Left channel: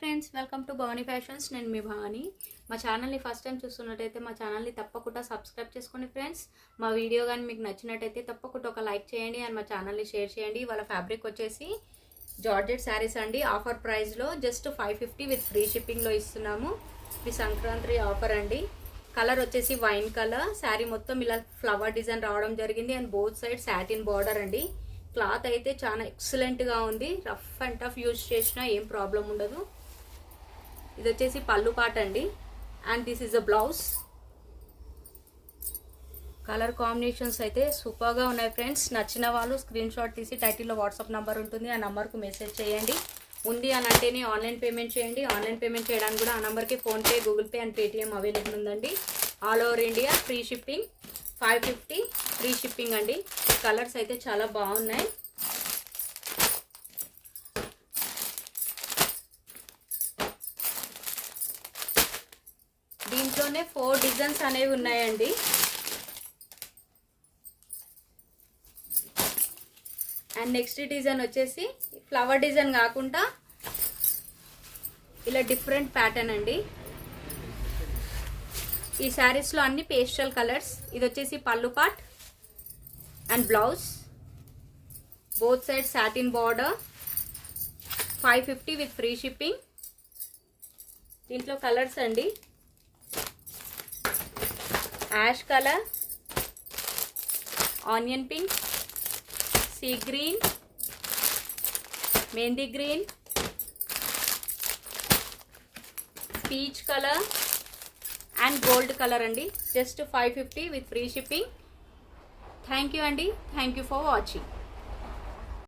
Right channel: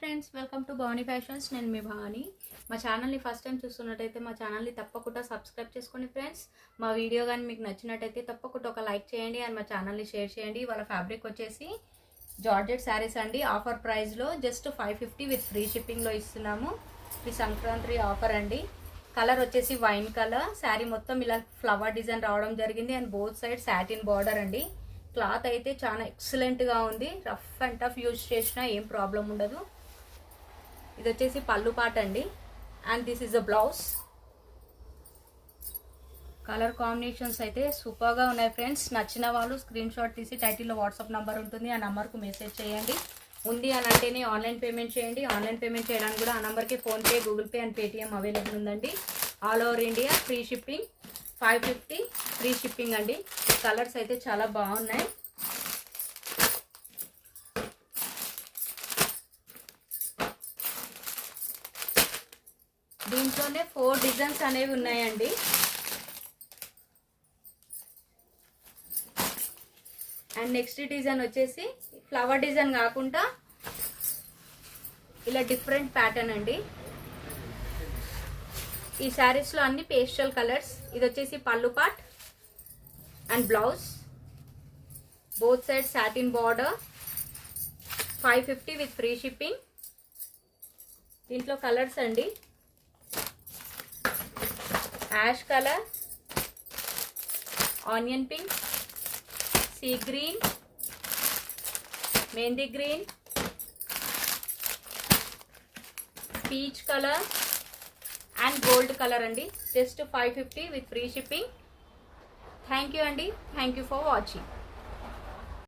Friends, welcome to Bhavani fashions. నేను మీ భవానీ. మా ఛానల్ని ఫస్ట్ టైం చూస్తున్నట్టయితే మా ఛానల్ని తప్పకుండా సబ్స్క్రైబ్ చేసుకోండి ఫ్రెండ్స్. మా వీడియో కానీ మీకు నచ్చినట్టయితే తప్పకుండా ఒక లైక్ చేయండి అండ్ మా ఛానల్ని షేర్ చేయండి. వాళ్ళ ఫ్యాబ్రిక్ వచ్చేసి జార్జెట్ శారీస్ అండి. ఆఫర్ ప్రైస్లో జస్ట్ 550 విత్ ఫ్రీ షిప్పింగ్లో ఇస్తున్నాము. ఇది సంక్రాంతి ఆఫర్ అండి. కలర్ వచ్చేసి వైన్ కలర్. శారీ మొత్తం ఇలా ఫ్లవర్ డిజైన్ రావడం జరిగింది and both side satin border అండి. క్లాత్ అయితే చాలా ఎక్సలెంట్గా ఉంది. రఫ్ అండ్ టఫ్ యూజ్ చేసినా ఏం ప్రాబ్లం ఉండదు. ఇది వచ్చేసి పళ్ళు పాట అండి and this is a blouse. Colour combinations అయితే సూపర్గా ఉన్నాయి ఫ్రెండ్స్. నచ్చిన వాళ్ళు స్క్రీన్ షాట్ తీసి టైటిల్లో వాట్సాప్ నెంబర్ ఉంటుంది, ఆ నెంబర్కు మెసేజ్ చేయండి. ఉంది అని అంటేనే ఆన్లైన్ పేమెంట్ చేయండి. ఆన్లైన్ పేమెంట్ చేయడానికి కూడా ఆ నెంబర్కి PhonePe, Google Pay and Paytm available ఉందండి. All over India free shipping. 550 free shipping అండి. కలర్స్ అయితే చాలా బాగున్నాయి. దీంట్లోనే 4 డిజైన్స్ అనేవి ఉన్నాయండి. అండ్ నెక్స్ట్ డిజైన్ వచ్చేసి ఫ్లవర్ డిజైన్ కాకుండా ఇలా డిఫరెంట్ ప్యాటర్న్ అండి. ఈ శారీస్ లో అన్ని పేస్టల్ కలర్స్. ఇది వచ్చేసి pallu part and blouse. Both side satin border. 550 with free shipping. దీంట్లో కలర్స్ అండి, ash colour, onion pink, sea green, mehendi green, peach colour and gold colour అండి. Just 550 with free shipping. Thank you అండి. Thank you for watching.